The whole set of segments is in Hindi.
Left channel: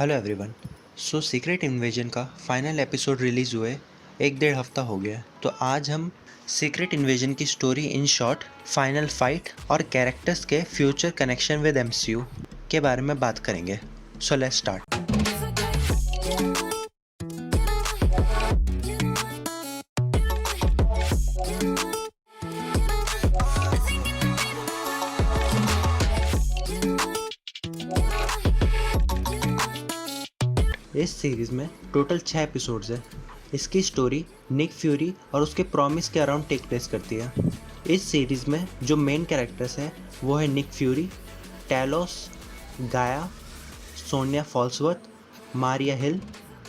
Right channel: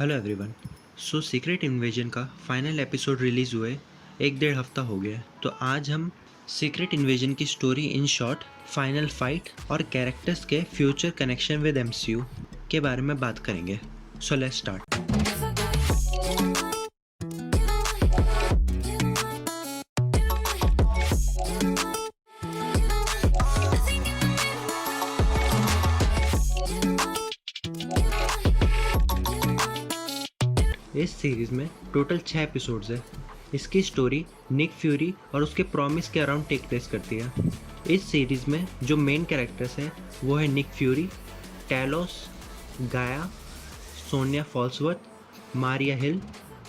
Hello everyone. सीक्रेट इन्वेजन का फाइनल एपिसोड रिलीज़ हुए 1 डेढ़ हफ्ता हो गया है। तो आज हम सीक्रेट इन्वेजन की story in short, final fight और कैरेक्टर्स के फ्यूचर कनेक्शन विद एमसीयू के बारे में बात करेंगे। So let's start. इस सीरीज़ में टोटल 6 एपिसोड्स है। इसकी स्टोरी निक फ्यूरी और उसके प्रॉमिस के अराउंड टेक प्लेस करती है। इस सीरीज़ में जो मेन कैरेक्टर्स हैं वो है निक फ्यूरी, टैलोस, गाया, सोनिया फॉल्सवर्थ, मारिया हिल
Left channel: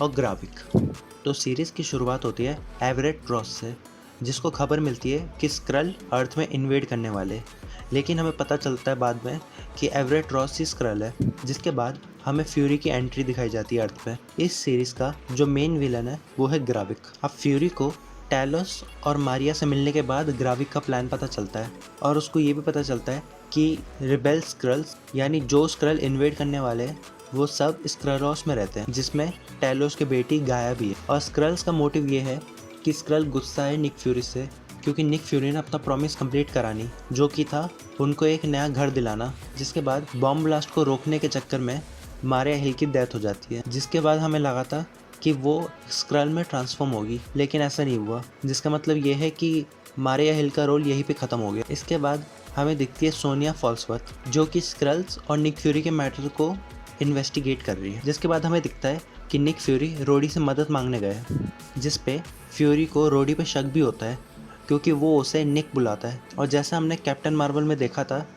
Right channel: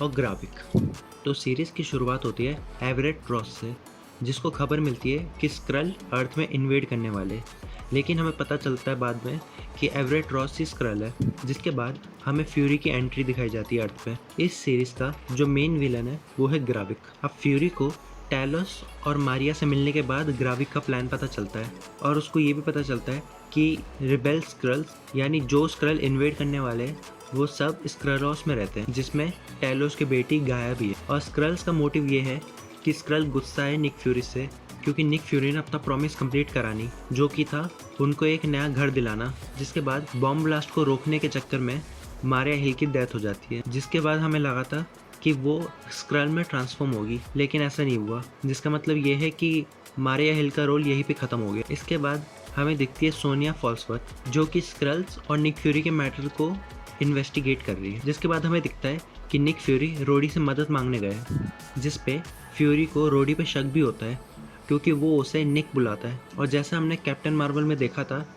और ग्राविक। तो सीरीज़ की शुरुआत होती है एवरेट रॉस से, जिसको खबर मिलती है कि स्क्रल अर्थ में इन्वेड करने वाले। लेकिन हमें पता चलता है बाद में कि एवरेट रॉस ही स्क्रल है। जिसके बाद हमें फ्यूरी की एंट्री दिखाई जाती है अर्थ पे। इस सीरीज़ का जो मेन विलन है वो है ग्राविक। अब फ्यूरी को टैलोस और मारिया से मिलने के बाद ग्राविक का प्लान पता चलता है और उसको ये भी पता चलता है कि रिबेल स्क्रल्स यानी जो स्क्रल इन्वेड करने वाले वो सब स्क्रलोस में रहते हैं, जिसमें टैलोस की बेटी गाया भी है। और स्क्रल्स का मोटिव ये है कि स्क्रल गुस्सा है निक फ्यूरी से, क्योंकि निक फ्यूरी ने अपना प्रॉमिस कंप्लीट करा नहीं, जो कि था उनको एक नया घर दिलाना। जिसके बाद बॉम्ब ब्लास्ट को रोकने के चक्कर में मारिया हिल की डेथ हो जाती है। जिसके बाद हमें लगा था कि वो स्क्रल में ट्रांसफॉर्म होगी, लेकिन ऐसा नहीं हुआ। जिसका मतलब ये है कि मारिया हिल का रोल यहीं पे ख़त्म हो गया। इसके बाद हमें दिखती है सोनिया फॉल्सवर्थ, जो कि स्क्रल्स और निक फ्यूरी के मैटर को इन्वेस्टिगेट कर रही है। जिसके बाद हमें दिखता है कि निक फ्यूरी रोडी से मदद मांगने गया, जिस पे फ्यूरी को रोडी पे शक भी होता है, क्योंकि वो उसे निक बुलाता है। और जैसा हमने कैप्टन मार्वल में देखा था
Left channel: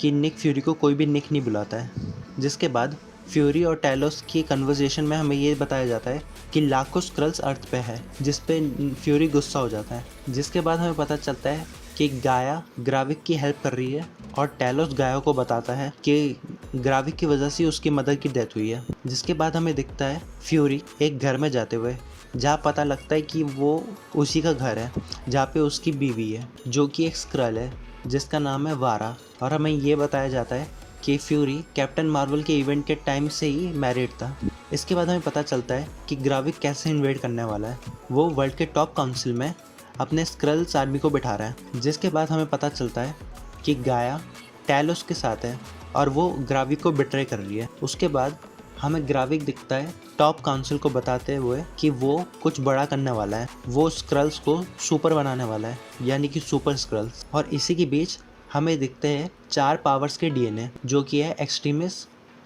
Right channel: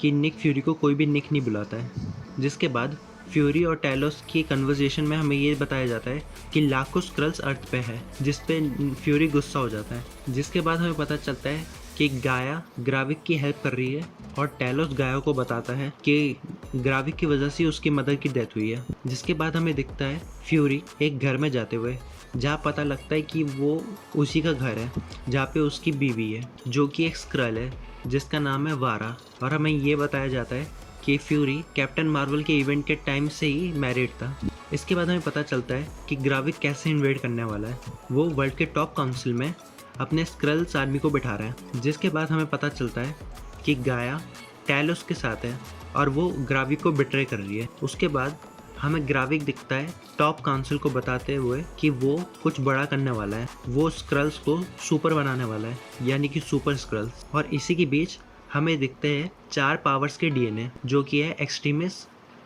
कि निक फ्यूरी को कोई भी निक नहीं बुलाता है। जिसके बाद फ्यूरी और टैलोस की कन्वर्सेशन में हमें ये बताया जाता है कि लाखों स्क्रल्स अर्थ पे है, जिस पे फ्यूरी गुस्सा हो जाता है। जिसके बाद हमें पता चलता है कि गाया ग्राविक की हेल्प कर रही है और टैलोस गाया को बताता है कि ग्राविक की वजह से उसकी मदर की डेथ हुई है। जिसके बाद हमें दिखता है फ्यूरी एक घर में जाते हुए, जहाँ पता लगता है कि वो उसी का घर है जहाँ पे उसकी बीवी है, जो कि एक स्क्रल है जिसका नाम है वारा। और हमें ये बताया जाता है कि फ्यूरी कैप्टन मार्वल के इवेंट के टाइम से ही मैरिड था। इसके बाद हमें पता चलता है कि ग्राविक कैसे इन्वेड करने वाला है। वो वर्ल्ड के टॉप काउंसिल में अपने स्क्रल्स आर्मी को बिठा रहा है। जिसके बाद हमें पता चलता है कि गाया टैलोस के साथ है और वो ग्राविक को बिट्रे कर रही है। उसके बाद हमें ग्राविक दिखता है टॉप काउंसिल को बताते हुए कि वो कुछ बड़ा करने वाला है। वो स्क्रल्स को सुपर बनाने वाला है, यानी कि सुपर स्क्रल्स। और इसी के बीच हमें दिखते हैं 4 पावर्स के डीएनए, जो कि है एक्सट्रीमिस,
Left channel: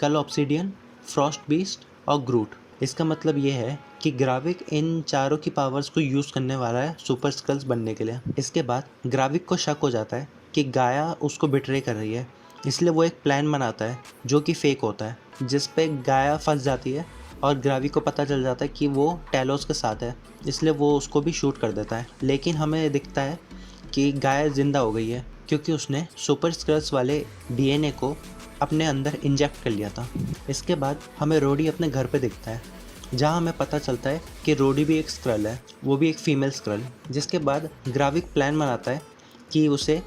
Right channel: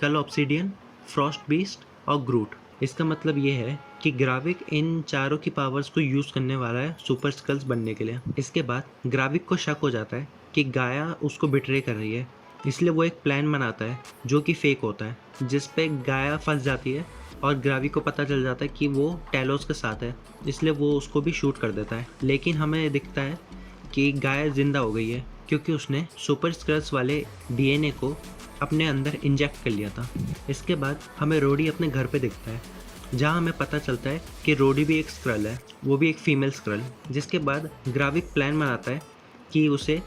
कल ऑब्सिडियन, फ्रॉस्ट बीस्ट और ग्रूट। इसका मतलब ये है कि ग्राविक इन चारों की पावर्स को यूज़ करने वाला है सुपर स्क्रल्स बनने के लिए। इसके बाद ग्राविक को शक हो जाता है कि गाया उसको बिट्रे कर रही है, इसलिए वो एक प्लान बनाता है जो कि फेक होता है, जिस पे गाया फंस जाती है और ग्राविक को पता चल जाता है कि वो टैलोस के साथ है, इसलिए वो उसको भी शूट कर देता है। लेकिन हमें दिखता है कि गाया जिंदा हो गई है, क्योंकि उसने सुपर स्क्रल्स वाले डीएनए को अपने अंदर इंजेक्ट कर लिया था। इसके बाद हमें रोडी अपने घर पे दिखता है, जहाँ हमें पता चलता है कि रोडी भी एक स्क्रल है, वो भी एक फीमेल स्क्रल। जिसके बाद ग्राविक प्लान बनाता है कि उसे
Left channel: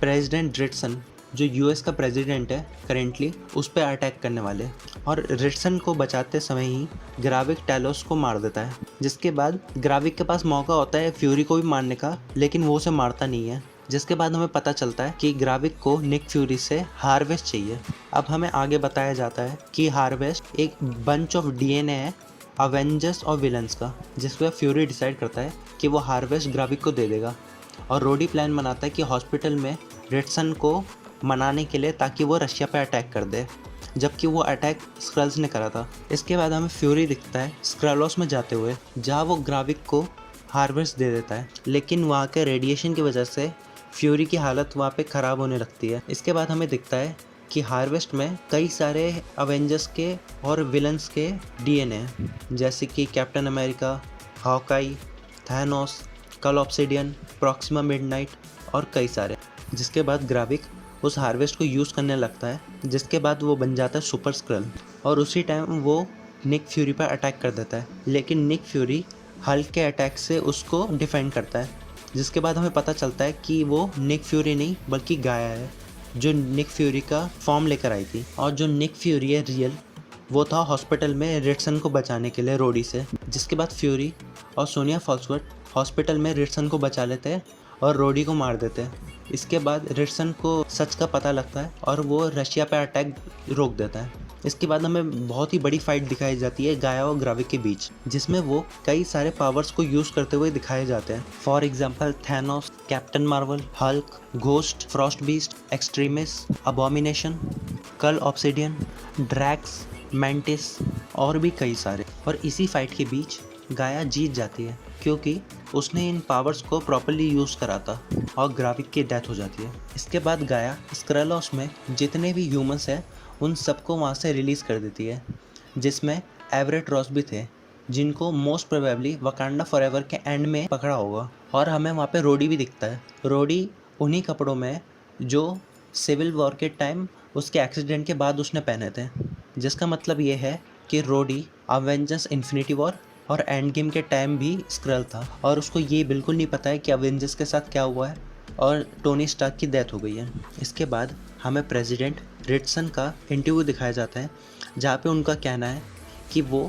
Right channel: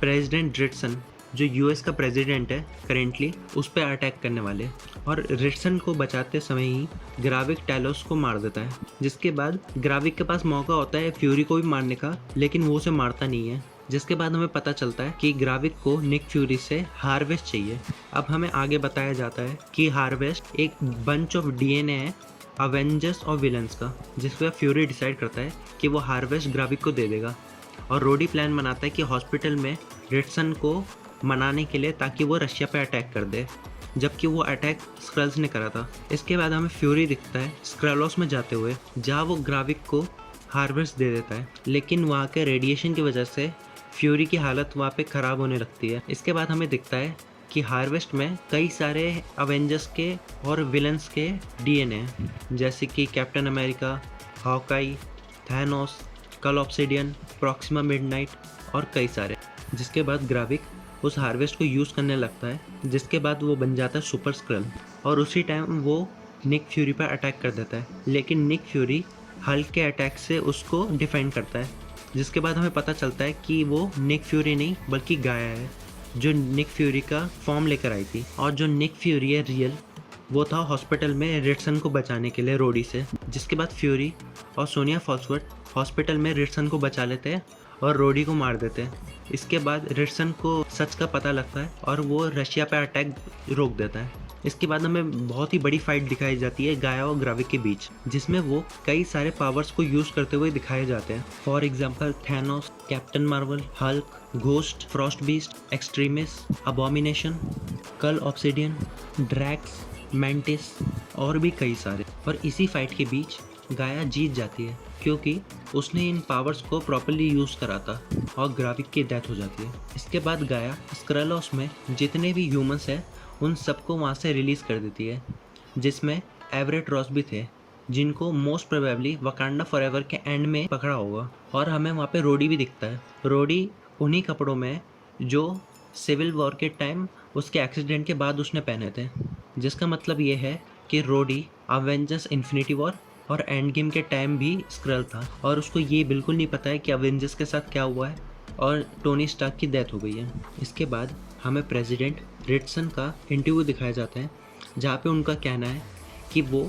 प्रेसिडेंट ड्रिटसन, जो यूएस का प्रेसिडेंट है करेंटली, उस पर अटैक करने वाले। और रिटसन को बचाते समय ही ग्राविक टैलोस को मार देता है। जिसके बाद ग्राविक के पास मौका होता है फ्यूरी को भी मारने का, लेकिन वो उसे मारता नहीं है। जिसके बाद हमें पता चलता है कि ग्राविक को निक फ्यूरी से हार्वेस्ट चाहिए। अब हमें आगे बताया जाता है कि हार्वेस्ट एक बंच ऑफ डीएनए है अवेंजर्स और विलन्स का, जिसमें फ्यूरी डिसाइड करता है कि वो हार्वेस्ट ग्राविक को दे देगा। और रोडी प्लान बनाता है कि हॉस्पिटल में रिटसन को मनाने के लिए, ताकि वो रशिया पे अटैक कर दे, जबकि वो अटैक स्क्रल्स ने करा था। इसके बाद हमें फ्यूरी दिखता है स्क्रलोस में जाते हुए, जहाँ वो ग्राविक को हार्वेस्ट दे देता है, लेकिन वहाँ के रेडिएशन की वजह से फ्यूरी की हालत वहाँ पे ख़राब होने लगती है। इसके बाद हमें दिखता है कि हार्वेस्ट में कई सारे अवेंजर्स के और विलन्स के डीएनए हैं, जैसे कि कैप्टन अमेरिका, हॉकाई, थैनोस, कल ऑब्सिडियन, प्रॉक्सिमा मिडनाइट और कई सारे। जिसके बाद ग्राविक उस हार्वेस्ट को यूज़ करने लगता है, जिसके बाद वो बन जाता है सुपर स्क्रल और उसी टाइम वो निक फ्यूरी पर अटैक कर देता है। लेकिन निक फ्यूरी हल्क के अटैक से उसको डिफेंड करता है। जिसके बाद हमें पता चलता है कि वो निक फ्यूरी नहीं बल्कि गाया है, जो निक फ्यूरी का फॉर्म लेकर आई थी। और जो निक फ्यूरी है रियल, वो था हॉस्पिटल में रिटसन को बचाने के लिए रोडी से। जिसके बाद फ्यूरी और सोनिया फॉल्सवर्थ हॉस्पिटल में रिटसन को बचा लेते हैं और रोडी को मार देते हैं। इसके बाद रिटसन को सच का पता लगता है और वो रशिया पे अटैक रोक देता है। इसके बाद हमें बहुत ही बड़ी फाइट दिखाई जाती है गाया और ग्राविक के बीच, जिसमें वो कई सारे पावर्स को यूज करते हुए दिखाए जाते हैं। For example Thanos, Captain Marvel, Hulk, Ghost, Frost Beast, Extremis, Abomination, Cull Obsidian, Drax, Mantis और भी कई सारे। और इसी फाइट के बीच गाया जीत जाती है क्योंकि उसने इन पावर्स को प्रॉपर्ली यूज़ करा था और ग्राविक की डेथ हो जाती है। इसके बाद गाया स्क्रैलोस में जितने भी ह्यूमंस हैं उन सबको वहाँ से रिलीज़ कर देती है, जिसमें एवरेट रॉस भी थे, जिनको मोस्ट प्रोबेबली वकांडा फॉरएवर के एंड में पकड़ा होगा। और हमें वहाँ पे रोडी भी दिखता है। रोडी उन्हीं कपड़ों में जो सिविल वॉर के टाइम उसके एक्सीडेंट के बाद उसने पहने थे, जिसका मतलब ये है कि रोडी अवेंजर्स इन्फिनिटी वॉर और एंड गेम के टाइम भी स्क्रल था और उसको ये बिल्कुल नहीं पता है कि अवेंजर्स के साथ क्या हुआ है और टोनी स्टार्क की डेथ हो गई है। इसके बाद हमें प्रेसिडेंट रिटसन का इंटरव्यू दिखाया जाता है जहाँ पे उनका कहना है कि वो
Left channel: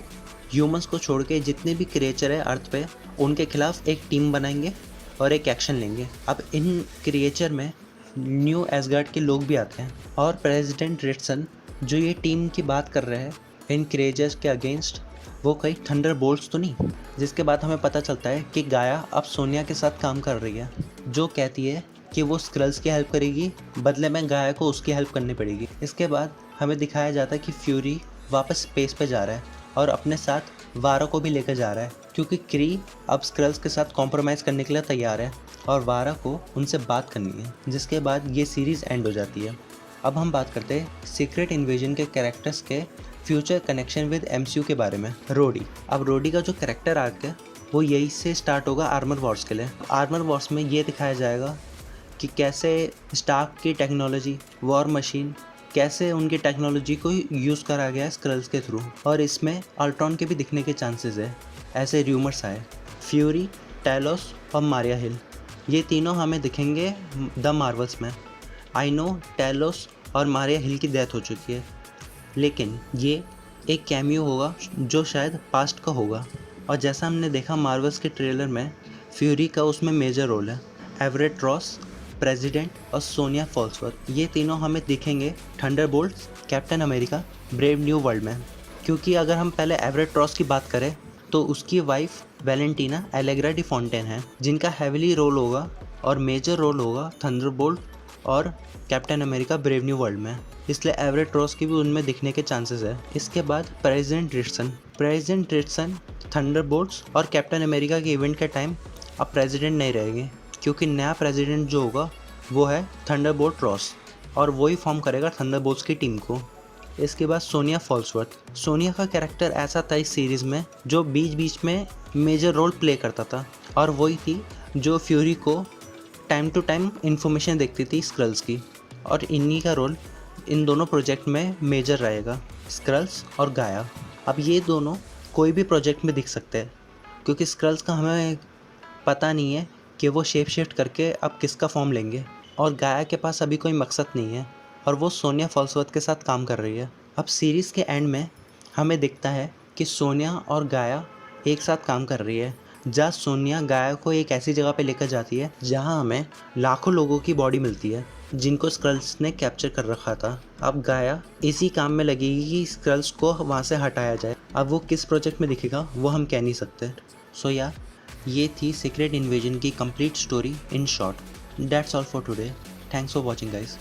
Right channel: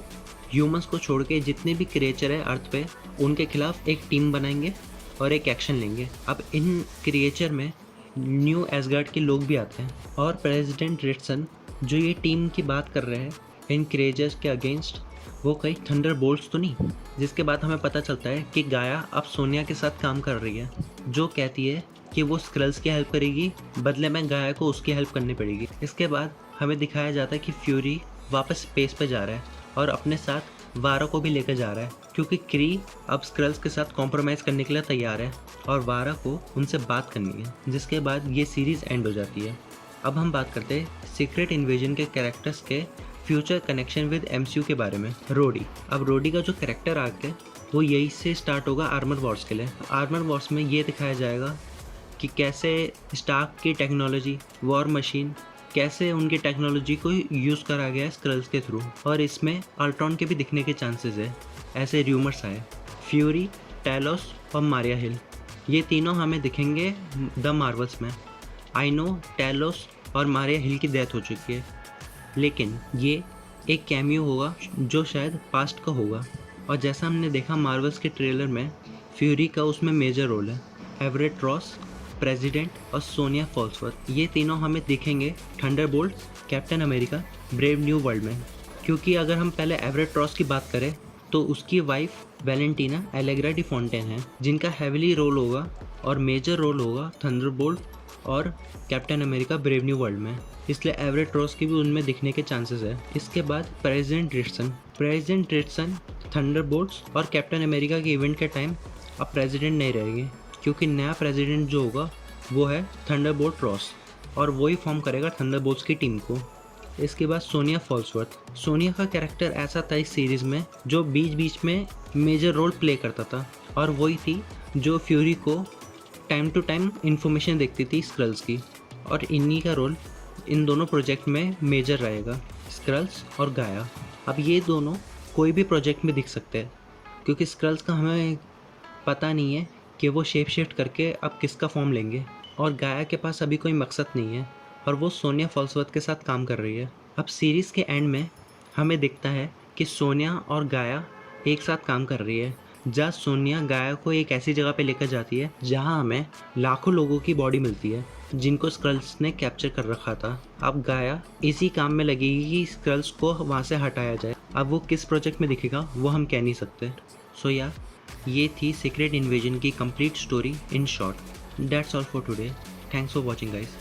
ह्यूमंस को छोड़ के जितने भी क्रिएचर है अर्थ पे उनके खिलाफ एक टीम बनाएंगे और एक एक्शन लेंगे। अब इन क्रिएचर में न्यू एसगार्ड के लोग भी आते हैं और प्रेसिडेंट रिटसन जो ये टीम की बात कर रहे हैं इन क्रिएचर्स के अगेंस्ट, वो कई थंडर बोल्ट्स तो नहीं। जिसके बाद हमें पता चलता है कि गाया अब सोनिया के साथ काम कर रही है, जो कहती है कि वो स्क्रल्स की हेल्प करेगी, बदले में गाया को उसकी हेल्प करनी पड़ेगी। इसके बाद हमें दिखाया जाता है कि फ्यूरी वापस स्पेस पे जा रहा है और अपने साथ वारा को भी लेकर जा रहा है क्योंकि क्री अब स्क्रल्स के साथ कॉम्प्रोमाइज़ करने के लिए तैयार है और वारा को उनसे बात करनी है। जिसके बाद ये सीरीज़ एंड हो जाती है। अब हम बात करते हैं सीक्रेट इन्वेजन के कैरेक्टर्स के फ्यूचर कनेक्शन विद एमसीयू के बारे में। रोडी, अब रोडी का जो कैरेक्टर आर्क है वो यही से स्टार्ट होगा आर्मर वॉर्स के लिए। आर्मर वॉर्स में ये दिखाया जाएगा कि कैसे स्टार्क की टेक्नोलॉजी, वॉर मशीन, कैसे उनकी टेक्नोलॉजी को यूज़ करा गया है स्क्रल्स के थ्रू, और इसमें अल्ट्रॉन के भी दिखने के चांसेस है, ऐसे र्यूमर्स आए। फ्यूरी, टैलोस और मारिया हिल, ये तीनों हमें दिखेंगे द मार्वल्स में। आई नो टैलोस और मारिया हिल की डेथ हो चुकी है, लेकिन ये एक कैमियो होगा जो शायद पास्ट का होगा। और जैसा हमने देखा मार्वल्स के ट्रेलर में, फ्यूरी का उसमें मेजर रोल है। एवरेट रॉस, प्रेसिडेंट और सोनिया फॉल्सवर्थ, ये तीनों हमें दिखेंगे Thunderbolts, captain America, brave new world में। क्योंकि अगर हम पहले एवरेट रॉस की बात करें तो उसकी wife Valentina Allegra D Fontaine है, जिनका हैविली रोल होगा और मेजर रोल होगा थंडरबोल्ट और captain America brave new world में, इसलिए एवरेट रॉस की भी उनमें दिखने के चांसेस है। इसके बाद प्रेसिडेंट रिटसन थंडरबोल्ट्स और कैप्टन अमेरिका के इवेंट के टाइम अब प्रेसिडेंट नहीं रहेंगे क्योंकि नया प्रेसिडेंट जो होगा वो है थंडरबोल्ट रॉस और वही फॉर्म करेगा थंडरबोल्ट्स की टीम को। इसके बाद सोनिया फॉल्सवर्थ, सोनिया का कैरेक्टर ऐसा था इस सीरीज़ में जो बीच बीच में मेजर रोल प्ले करता था और वही थी जो फ्यूरी को टाइम टू टाइम इंफॉर्मेशन देखती थी स्क्रल्स की, और इन्हीं का रोल इन दोनों प्रोजेक्ट में मेजर रहेगा, स्क्रल्स और गाया। अब ये दोनों कोई भी प्रोजेक्ट में दिख सकते हैं क्योंकि स्क्रल्स का हमें पता नहीं है कि वो शेप शिफ्ट करके अब किसका फॉर्म लेंगे, और गाया के पास अभी कोई मकसद नहीं है और वो सोनिया फॉल्सवर्थ के साथ काम कर रही है। अब सीरीज़ के एंड में हमें दिखता है कि सोनिया और गाया एक साथ काम कर रही है, जहाँ सोनिया गाया को एक ऐसी जगह पे लेकर जाती है जहाँ हमें लाखों लोगों की बॉडी मिलती है जिनको स्क्रल्स ने कैप्चर कर रखा था। अब गाया इसी काम में लगेगी कि स्क्रल्स को वहाँ से हटाया जाए। अब वो किस प्रोजेक्ट में दिखेगा वो हम कह नहीं सकते। सो या ये थी सीक्रेट इन्वेजन की complete story in short. That's all for today. Thanks for watching guys.